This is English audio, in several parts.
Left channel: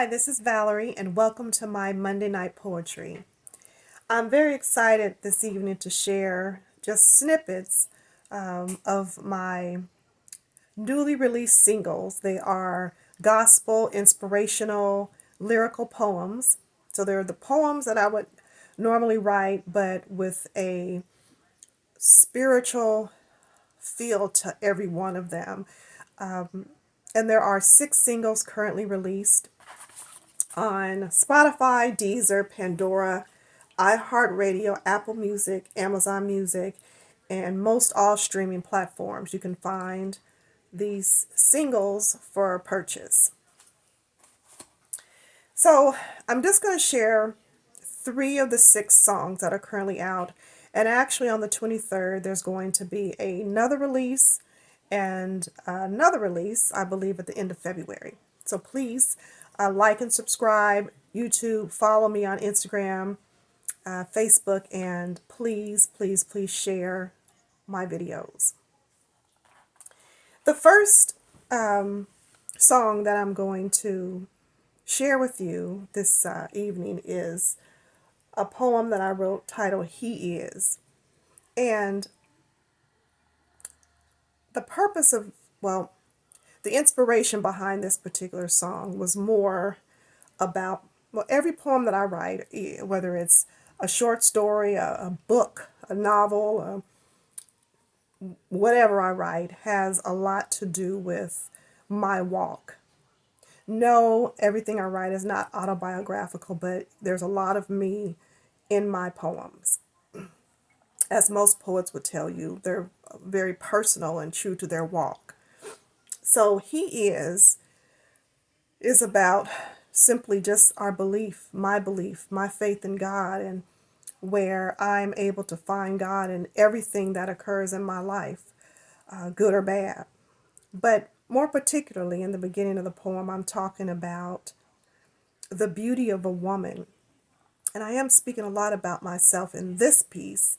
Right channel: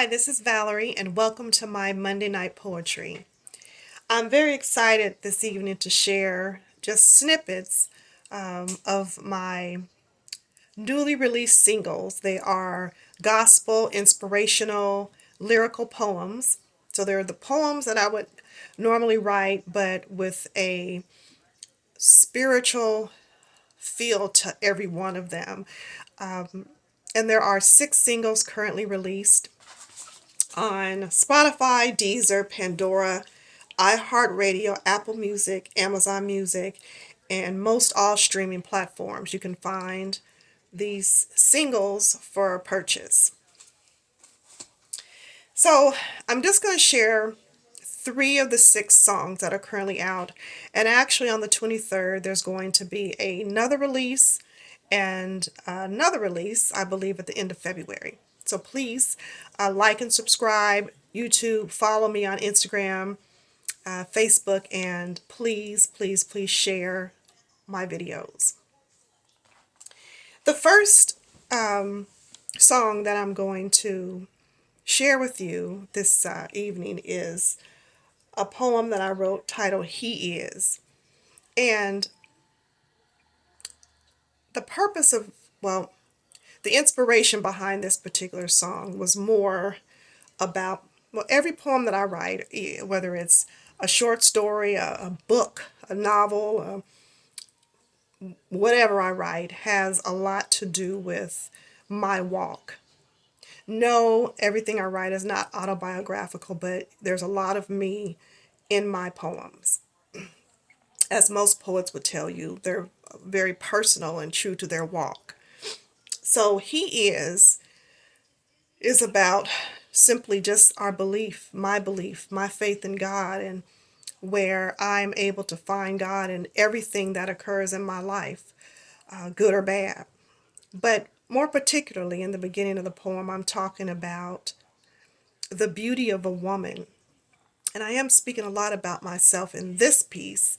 Hi, this is Valerie, and welcome to my Monday Night Poetry. I'm very excited this evening to share just snippets of my newly released singles. They are gospel, inspirational, lyrical poems. So they're the poems that I would normally write, but with a spiritual feel to every one of them. And there are 6 singles currently released on Spotify, Deezer, Pandora, iHeartRadio, Apple Music, Amazon Music, and most all streaming platforms. You can find these singles for purchase. So I'm just going to share 3 of the 6 songs that are currently out. And actually, on the 23rd, there's going to be another release and another release, I believe, at the end of February. So please like and subscribe, YouTube, follow me on Instagram, Facebook, and please, please, please share my videos. The first song that I'm going to share with you this evening is a poem that I wrote titled He Is. And the purpose of, well, the inspiration behind this particular song was more about, well, every poem that I write, whether it's a short story, a book, a novel, whatever I write, has a lot to do with my walk. No, everything I write is not autobiographical, but there's a lot of me in my poems. As most poets would tell you, they're very personal and true to their walk. So is about simply just our belief, my faith in God, and where I'm able to find God in everything that occurs in my life, good or bad. But more particularly in the beginning of the poem, I'm talking about the beauty of a woman. And I am speaking a lot about myself in this piece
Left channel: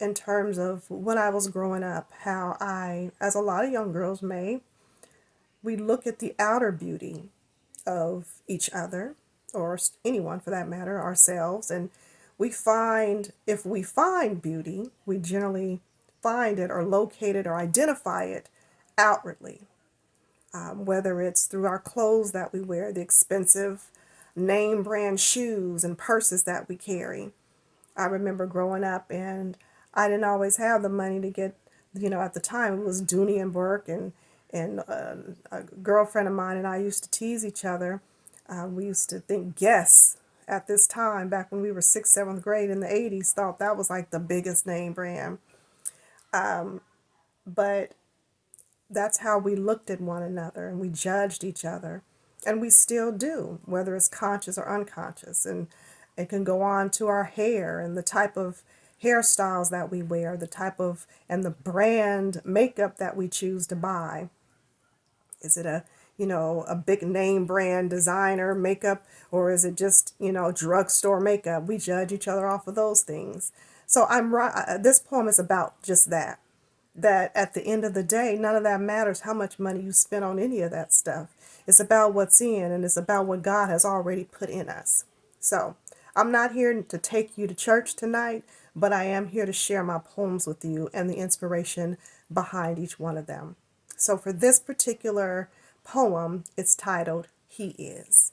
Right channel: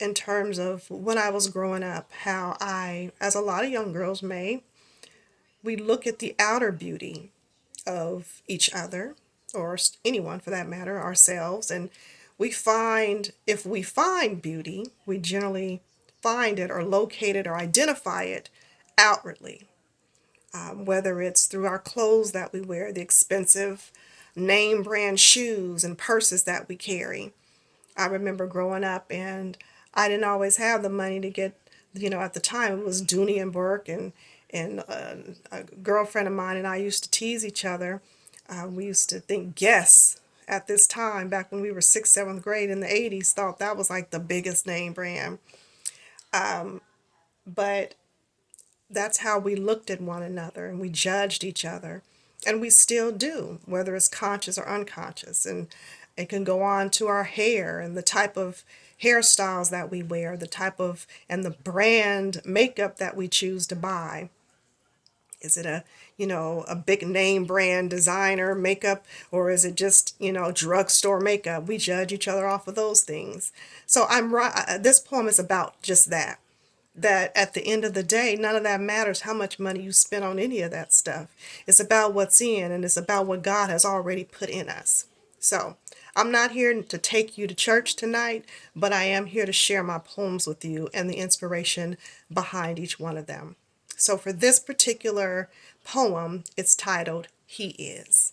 in terms of when I was growing up, how I, as a lot of young girls may, we look at the outer beauty of each other, or anyone for that matter, ourselves, and we find, if we find beauty, we generally find it or locate it or identify it outwardly, whether it's through our clothes that we wear, the expensive name brand shoes and purses that we carry. I remember growing up and I didn't always have the money to get, at the time it was Dooney and Burke, and a girlfriend of mine and I used to tease each other. We used to think Guess at this time, back when we were 6th, 7th grade in the 80s, thought that was like the biggest name brand. But that's how we looked at one another and we judged each other. And we still do, whether it's conscious or unconscious. And it can go on to our hair and the type of hairstyles that we wear, the type of, and the brand makeup that we choose to buy. Is it a big name brand designer makeup, or is it just, drugstore makeup? We judge each other off of those things. So I'm right. This poem is about just that. That at the end of the day, none of that matters how much money you spend on any of that stuff. It's about what's in, and it's about what God has already put in us. So I'm not here to take you to church tonight, but I am here to share my poems with you and the inspiration behind each one of them. So for this particular poem, it's titled He Is.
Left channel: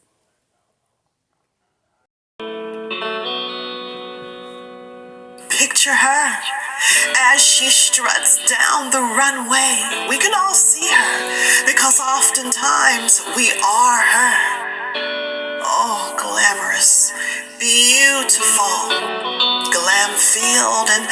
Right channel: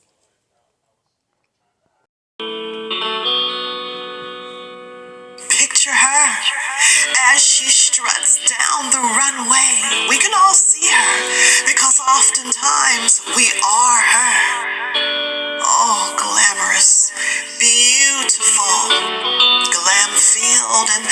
Picture her as she struts down the runway. We can all see her because oftentimes we are her. Oh, glamorous, beautiful, glam-filled and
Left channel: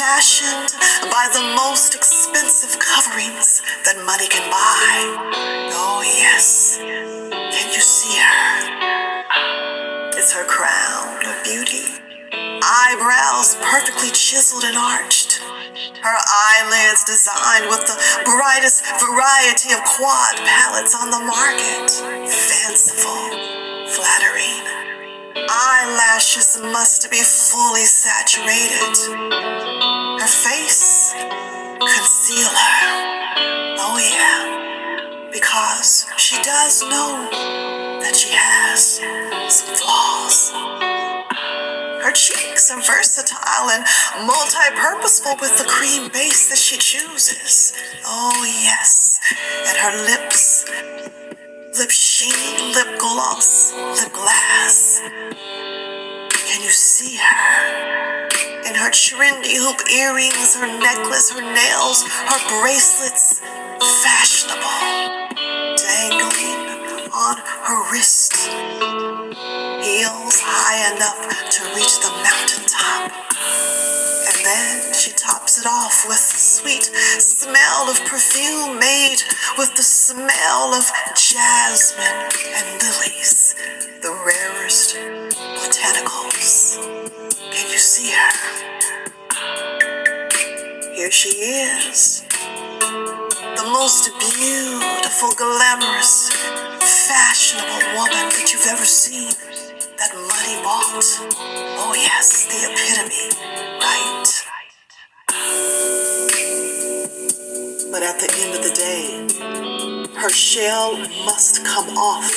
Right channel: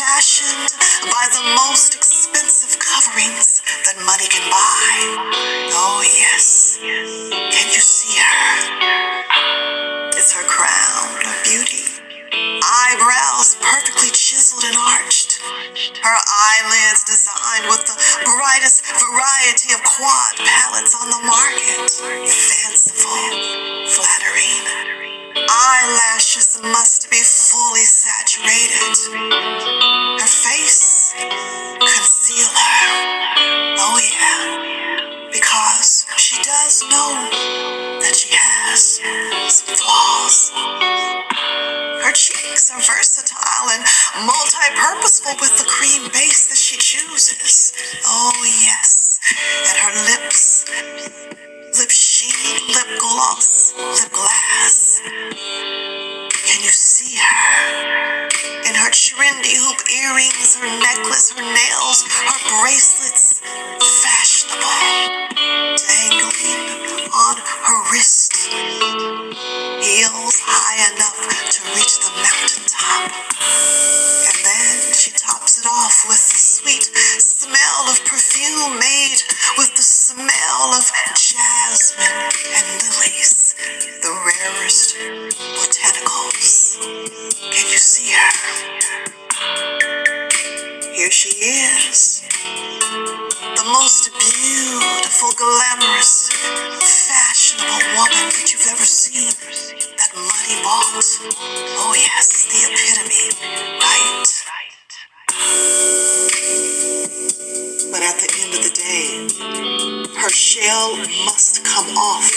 fashioned by the most expensive coverings that money can buy. Oh, yes. Can you see her? It's her crown of beauty. Eyebrows perfectly chiseled and arched. Her eyelids designed with the brightest variety of quad palettes on the market. Fanciful, flattering. Eyelashes must be fully saturated. Her face, concealer. Oh yeah, because she does know that she has has some flaws. Her cheeks are versatile and multi-purposeful with the cream base that she chooses. Oh yes, and her lips, lip sheen, lip gloss, lip glass. Can you see her? In her trendy hoop earrings, her necklace, her nails, her bracelets, fashionable, dangling on her wrist. Heels high enough to reach the mountaintop. And then she tops it off with the sweet smell of perfume made with the smell of jasmine and lilies, the rarest botanicals. Can you see her? Here she is, the most beautiful, glamorous, fashionable woman that you've ever seen. That money bought. Oh yes, the epitome, right? But at the end of the day, her shell must come off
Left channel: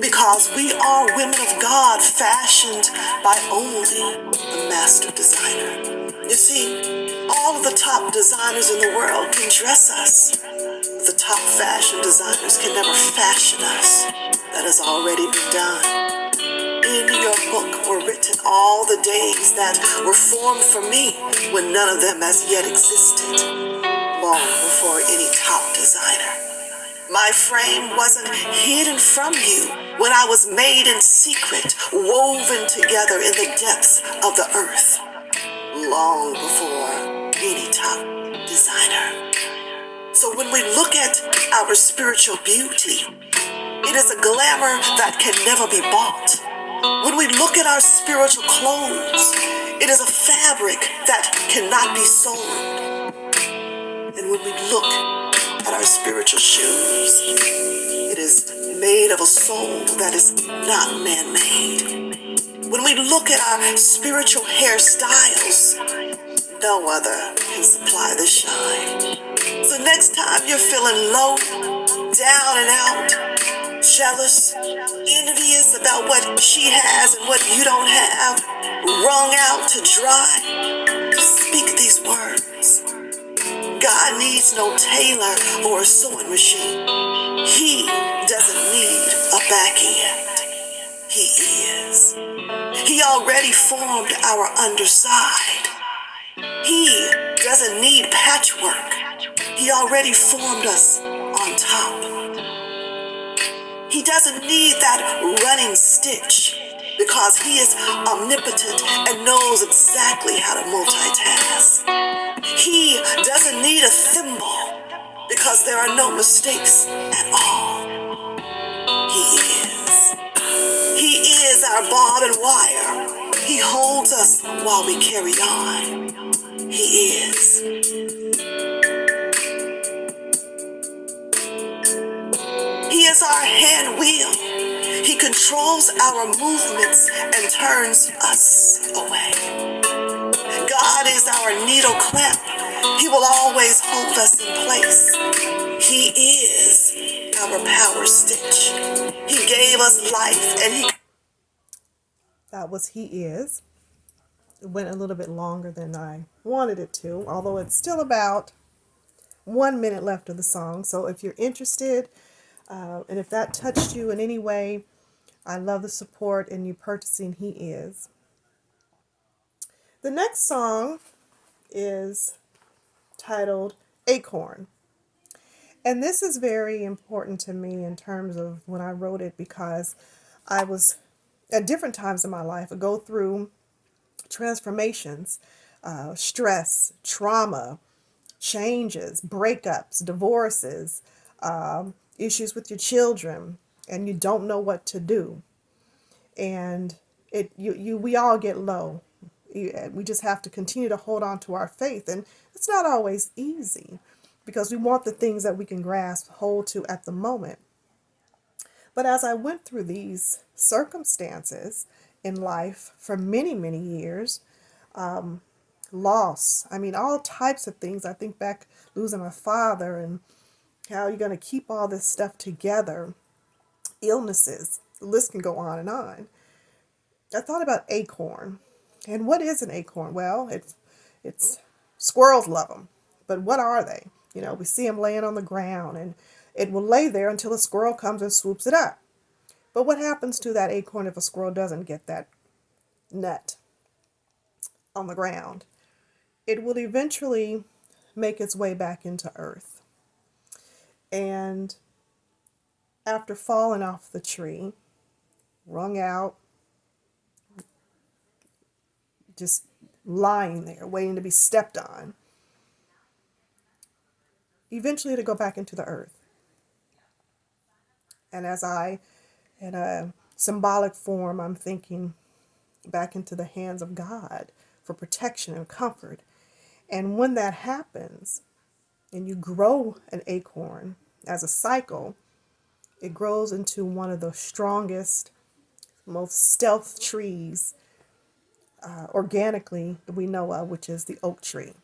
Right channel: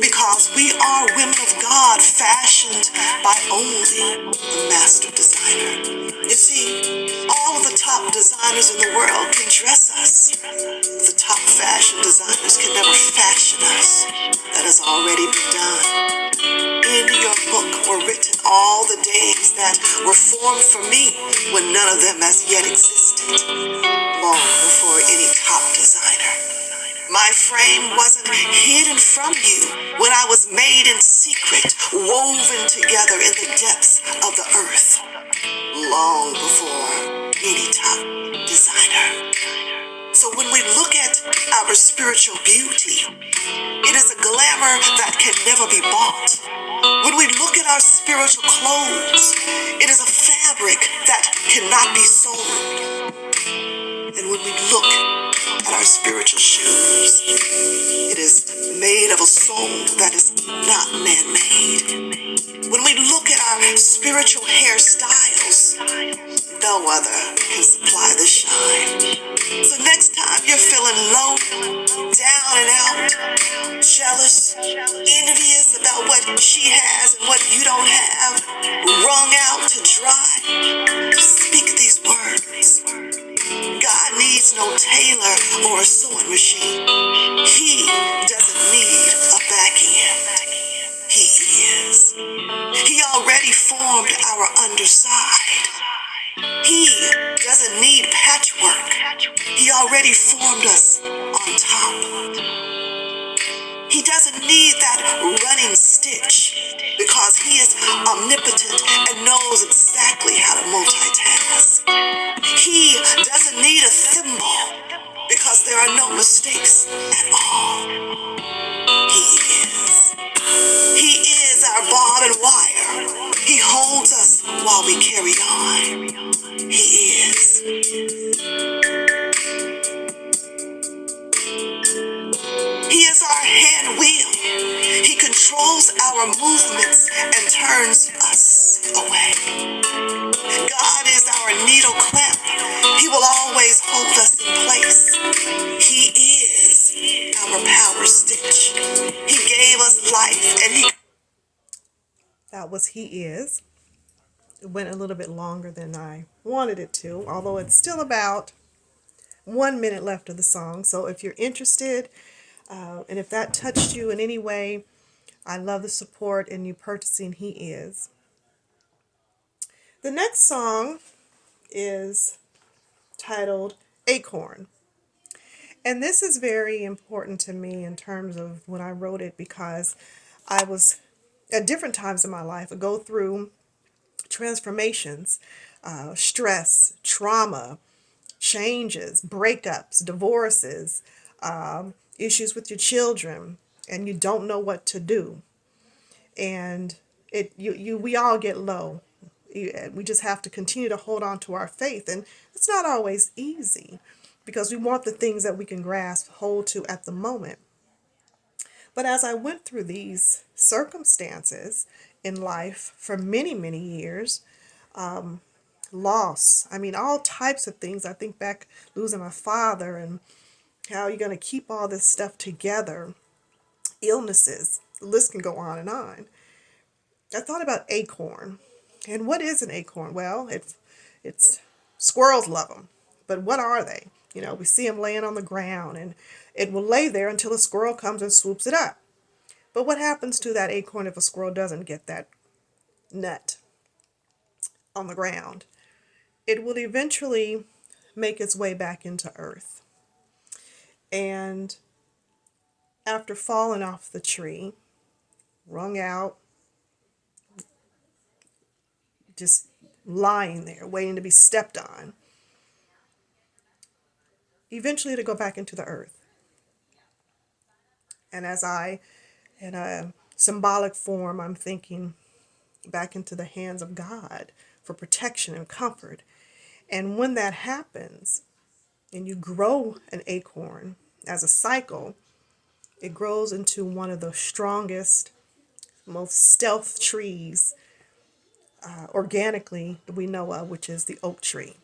because we are women of God fashioned by only the master designer. You see, all of the top designers in the world can dress us. The top fashion designers can never fashion us. That has already been done. In your book were written all the days that were formed for me when none of them as yet existed, long before any top designer. My frame wasn't hidden from you when I was made in secret, woven together in the depths of the earth, long before any top designer. So when we look at our spiritual beauty, it is a glamour that can never be bought. When we look at our spiritual clothes, it is a fabric that cannot be sold. And when we look at our spiritual shoes, it is made of a soul that is not man-made. When we look at our spiritual hairstyles, no other can supply the shine. So next time you're feeling low, down and out, jealous, envious about what she has and what you don't have, wrung out to dry, speak these words. God needs no tailor or a sewing machine. He doesn't need a back end. He is. He already formed our underside. He doesn't need patchwork. He already formed us on top. He doesn't need that running stitch because he is omnipotent and knows exactly how to multitask. He doesn't need a thimble because there are no mistakes at all. He is. He is our bob and wire. He holds us while we carry on. He is. He is our hand wheel. He controls our movements and turns us away. God is our needle clamp. He will always hold us in place. He is our power stitch. He gave us life and he... That was He Is. It went a little bit longer than I wanted it to, although it's still about 1 minute left of the song. So if you're interested, and if that touched you in any way, I love the support in you purchasing He Is. The next song is titled Acorn. And this is very important to me in terms of when I wrote it because I was, at different times in my life, I go through transformations, stress, trauma, changes, breakups, divorces, issues with your children, and you don't know what to do. And we all get low. We just have to continue to hold on to our faith. And it's not always easy because we want the things that we can grasp, hold to at the moment. But as I went through these circumstances in life for many, many years, loss, all types of things. I think back losing my father and how you're going to keep all this stuff together, illnesses, the list can go on and on. I thought about acorn. And what is an acorn? Well, it's squirrels love them. But what are they? You know, we see them laying on the ground, and it will lay there until a squirrel comes and swoops it up. But what happens to that acorn if a squirrel doesn't get that nut on the ground? It will eventually make its way back into earth. And after falling off the tree, wrung out, just lying there, waiting to be stepped on, eventually to go back into the earth. And as in a symbolic form, I'm thinking back into the hands of God for protection and comfort. And when that happens, and you grow an acorn as a cycle, it grows into one of the strongest, most stealth trees organically that we know of, which is the oak tree.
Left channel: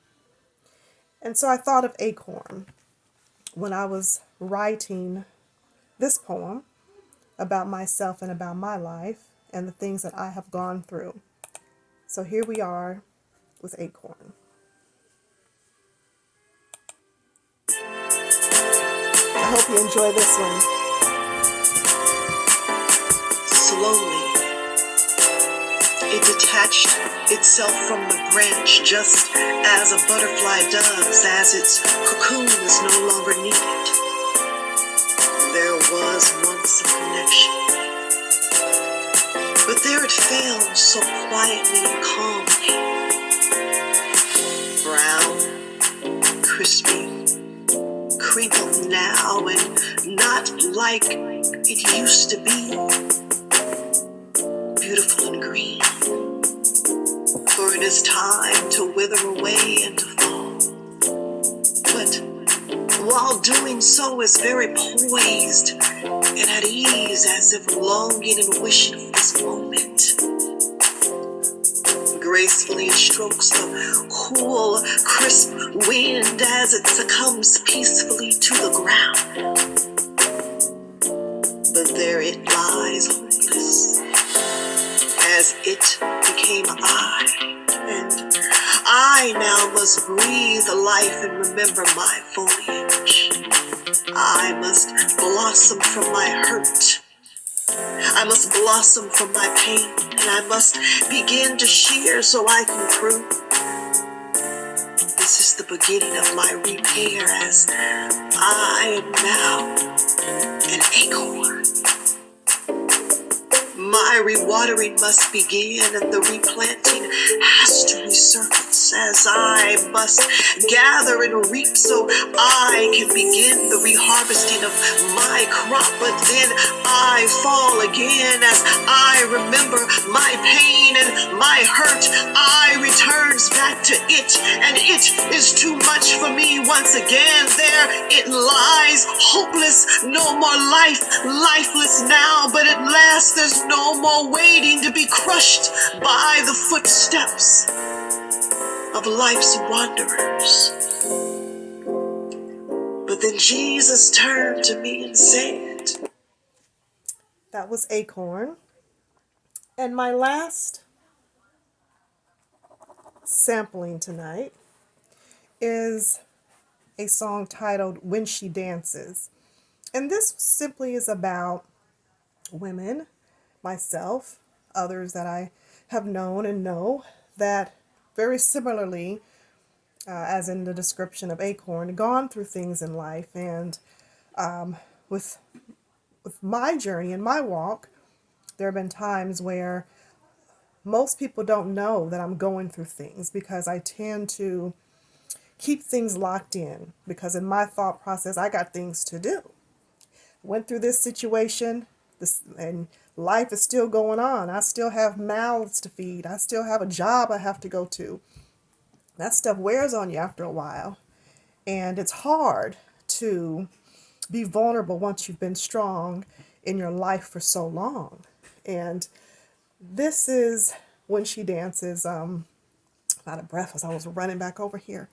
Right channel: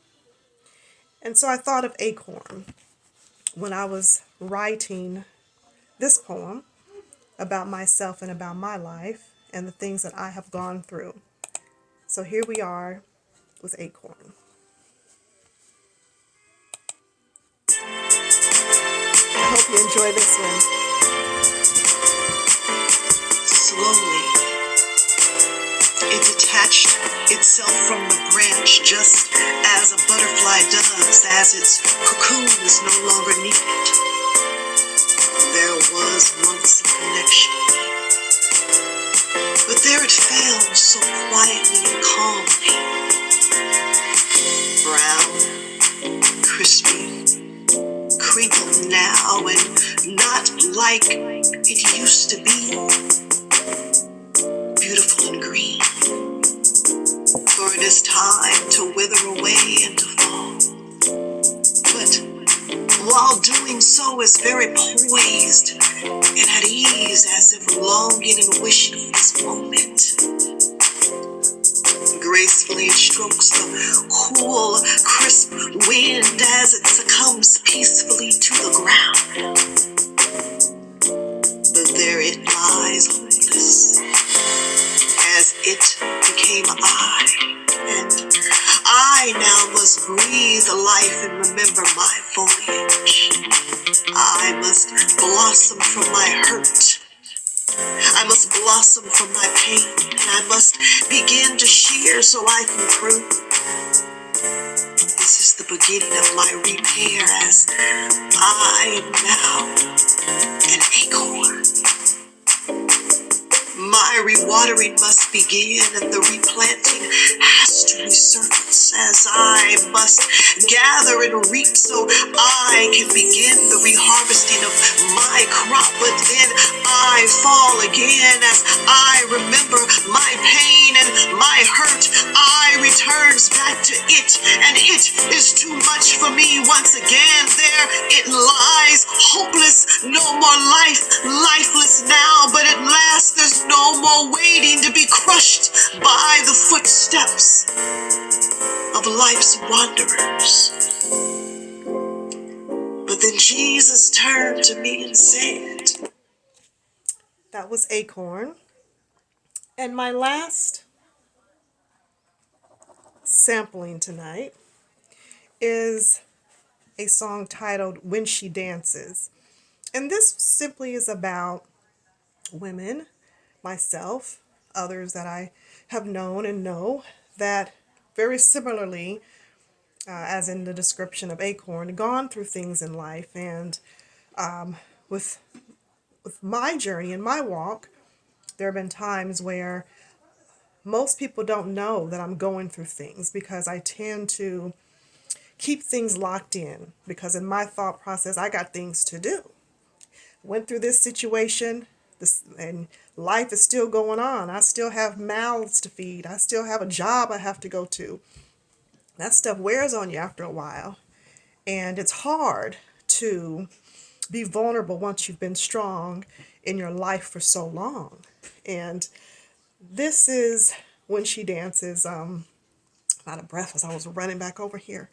And so I thought of acorn when I was writing this poem about myself and about my life and the things that I have gone through. So here we are with acorn. I hope you enjoy this one. Slowly, it detached itself from the branch just as a butterfly does as its cocoon is no longer needed. There was once a connection, but there it fell so quietly and calmly. Brown, crispy, crinkled now and not like it used to be. Beautiful and green, for it is time to wither away and to fall. But while doing so is very poised and at ease, as if longing and wishing for this moment. Gracefully it strokes the cool, crisp wind as it succumbs peacefully to the ground. But there it lies hopeless, as it became I, and I now must breathe life and remember my foliage. I must blossom from my hurt. I must blossom from my pain, and I must begin to shear so I can prune. This is the beginning of my repair, as I am now an acorn. My rewatering must begin, and the replanting has to resurface, as I must gather and reap so I can begin the reharvesting of my crop. But then I fall again as I remember my pain and my hurt. I returns back to it, and it is too much for me once again. There it lies, hopeless, no more life, lifeless now, but at last there's no more waiting to be crushed by the footsteps of life's wanderers. But then Jesus turned to me and said, That was Acorn. And my last sampling tonight is a song titled When She Dances. And this simply is about women, myself, others that I have known and know that very similarly, as in the description of Acorn, gone through things in life. And with my journey and my walk, there have been times where most people don't know that I'm going through things because I tend to keep things locked in, because in my thought process, I got things to do. Went through this situation, and life is still going on. I still have mouths to feed. I still have a job I have to go to. That stuff wears on you after a while. And it's hard to be vulnerable once you've been strong in your life for so long. And this is When She Dances. Out of breath as I was running back over here.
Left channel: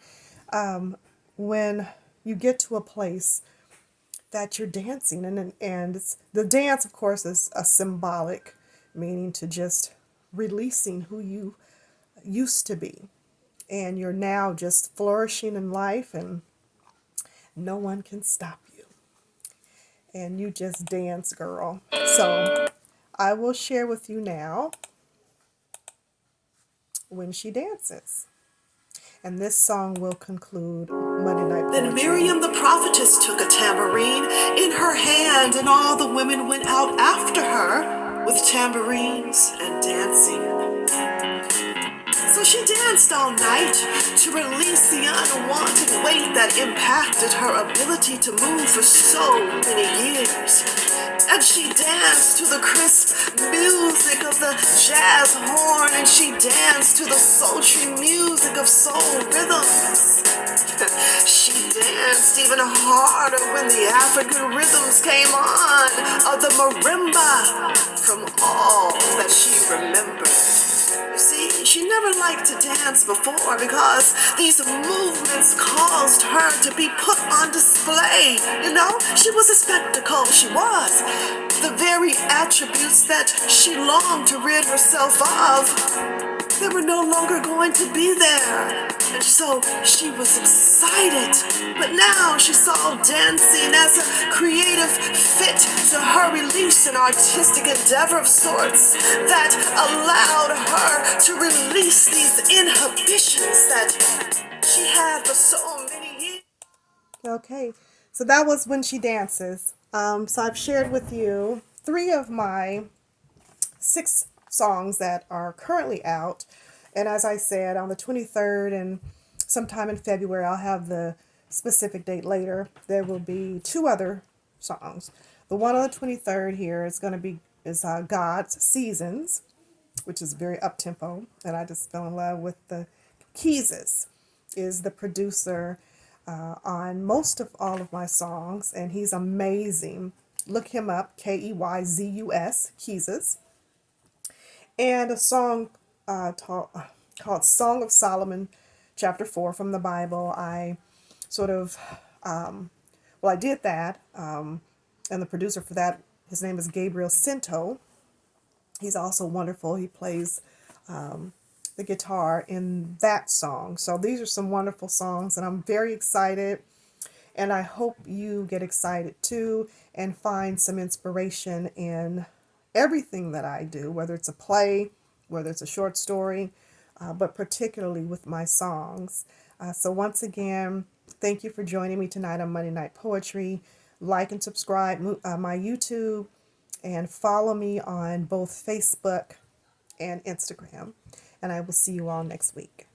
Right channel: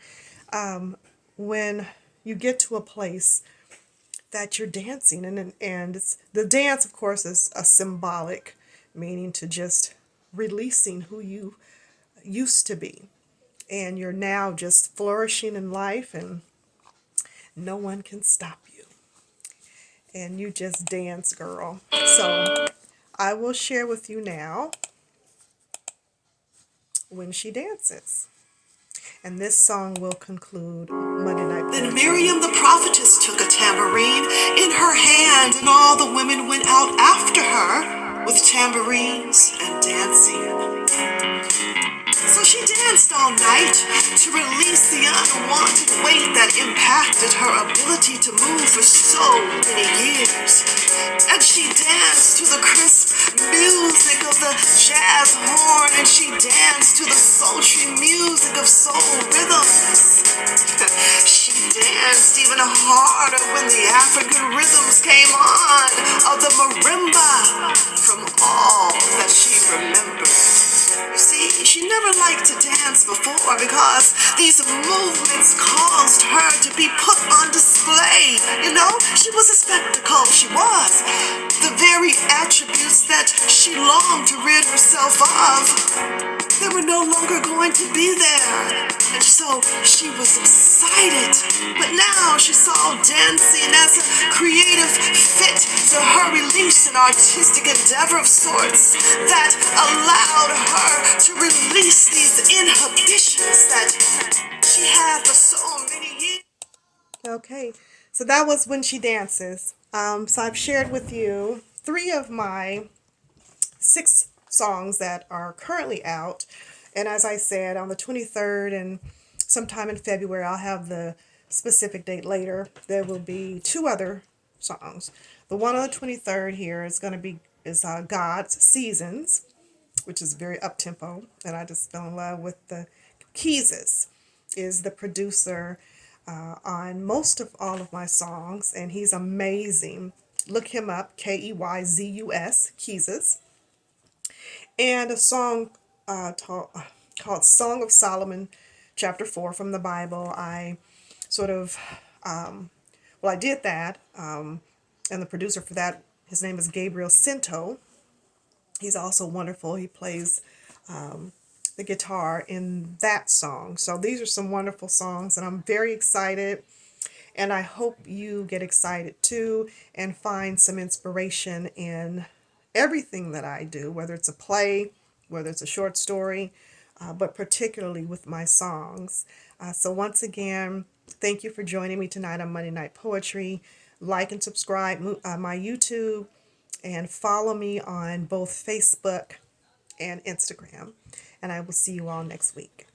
When you get to a place that you're dancing. And it's, the dance, of course, is a symbolic meaning to just releasing who you used to be. And you're now just flourishing in life, and no one can stop you. And you just dance, girl. So I will share with you now When She Dances. And this song will conclude Monday Night Poetry. Then Miriam the prophetess took a tambourine in her hand, and all the women went out after her with tambourines and dancing. So she danced all night to release the unwanted weight that impacted her ability to move for so many years. And she danced to the crisp music of the jazz horn, and she danced to the sultry music of soul rhythms. She danced even harder when the African rhythms came on, of the marimba, from all that she remembered. You see, she never liked to dance before because these movements caused her to be put on display. You know, she was a spectacle, she was. The very attributes that she longed to rid herself of, they were no longer going to be there. And so she was excited. But now she saw dancing as a creative fit to her release, an artistic endeavor of sorts that allowed her to release these inhibitions that she had for so many years. Okay, so that was When She Dances. So I've shared with you 3 of my 6 songs that are currently out. And as I said, on the 23rd and sometime in February, I'll have the specific date later. There will be 2 other songs. The one on the 23rd here is going to be God's Seasons, which is very up tempo, and I just fell in love with the Keyses. Is the producer on most of all of my songs, and he's amazing. Look him up, Keyzus, Keyses. And a song called Song of Solomon, chapter 4 from the Bible. I sort of, I did that, and the producer for that, his name is Gabriel Cinto. He's also wonderful. He plays the guitar in that song. So these are some wonderful songs, and I'm very excited. And I hope you get excited too and find some inspiration in everything that I do, whether it's a play, whether it's a short story, but particularly with my songs. So once again, thank you for joining me tonight on Monday Night Poetry. Like and subscribe my YouTube, and follow me on both Facebook and Instagram. And I will see you all next week.